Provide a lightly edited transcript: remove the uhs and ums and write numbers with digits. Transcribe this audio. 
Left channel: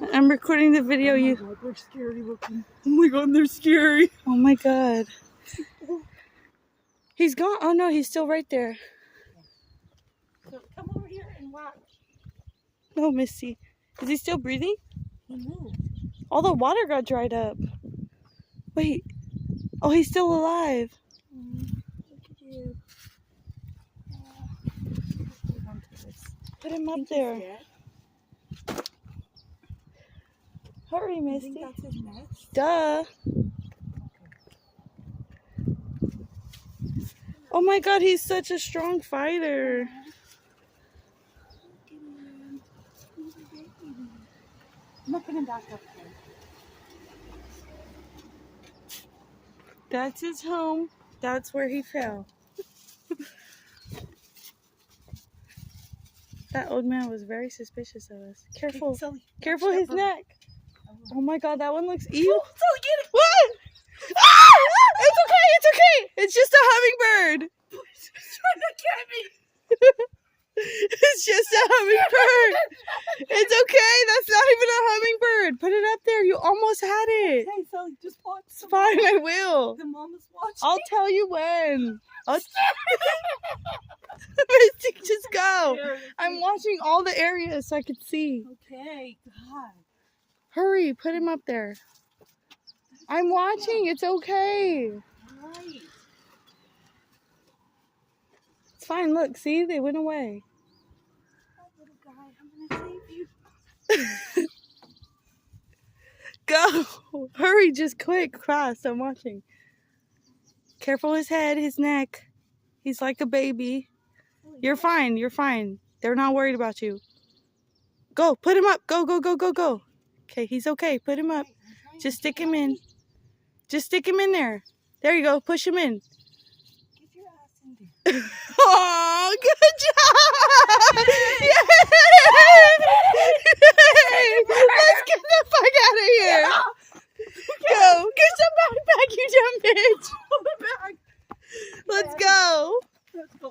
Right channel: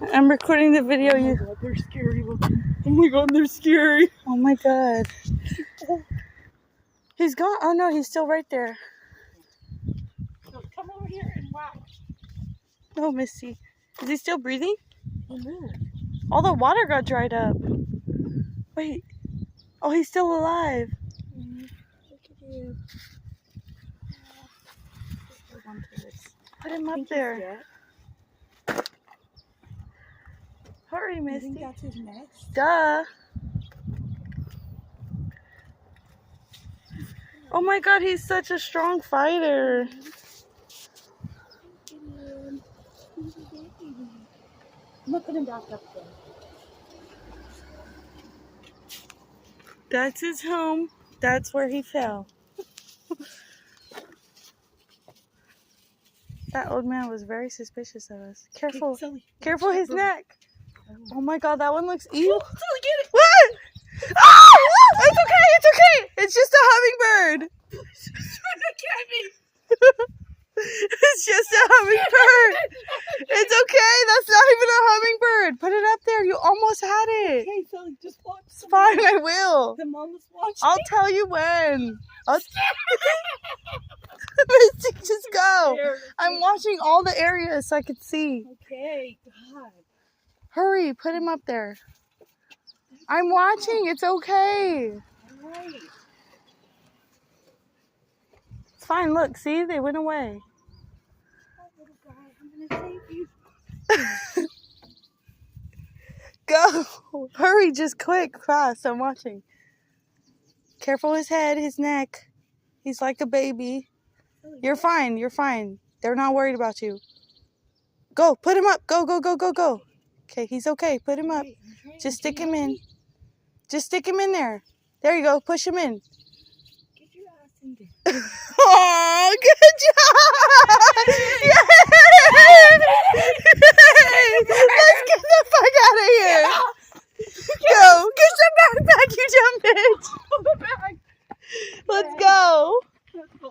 I'm recording the video. Oh my God, they're scary looking. Oh my God, they're scary. Oh my God. He's gone. Oh no, he's still right there. So come over here and watch. No, Misty. Is he still breathing? He moved. All the water got dried up. Wait. Oh, he's still alive. Look at you. Hold on to this. Put him up there. Hurry, You Misty. think that's his nest? Duh. Oh my God, he's such a strong fighter. I'm gonna put him back up there. That's his home. That's where he fell. That old man was very suspicious of us. Careful. Sully, Careful his neck. Oh my God, that one looks evil. Sully, get it! What? Oh! It's okay, it's okay. It's just a hummingbird. He's trying to get me. It's just a hummingbird. It's okay. That's not even a hummingbird. Put it up there. You almost had it. Hey, Sully, just watch. It's fine, I will. The mom was watching. I'll tell you when. Misty, just go. I'm watching all the areas so I can see. Okay, God. Hurry, put him up there. I'm watching. It's okay. All right. It's fine. Look, see? They went away. Oh, little guy, I'm gonna save you. Go. Hurry, just quick, fast. I'm watching. Careful his head, his neck. He's like a baby. You're fine. You're fine. They're not worried about you. Go. Put him up. Go, go, go, go, go. Okay, he's okay. Put him up. Just stick him in. Just stick him in there. There you go. Push him in. Get your ass in there. Oh, good job! Yay! Let's get the fuck out of here. Go. Get your backpack, you dumb bitch. Let's go. Let's go.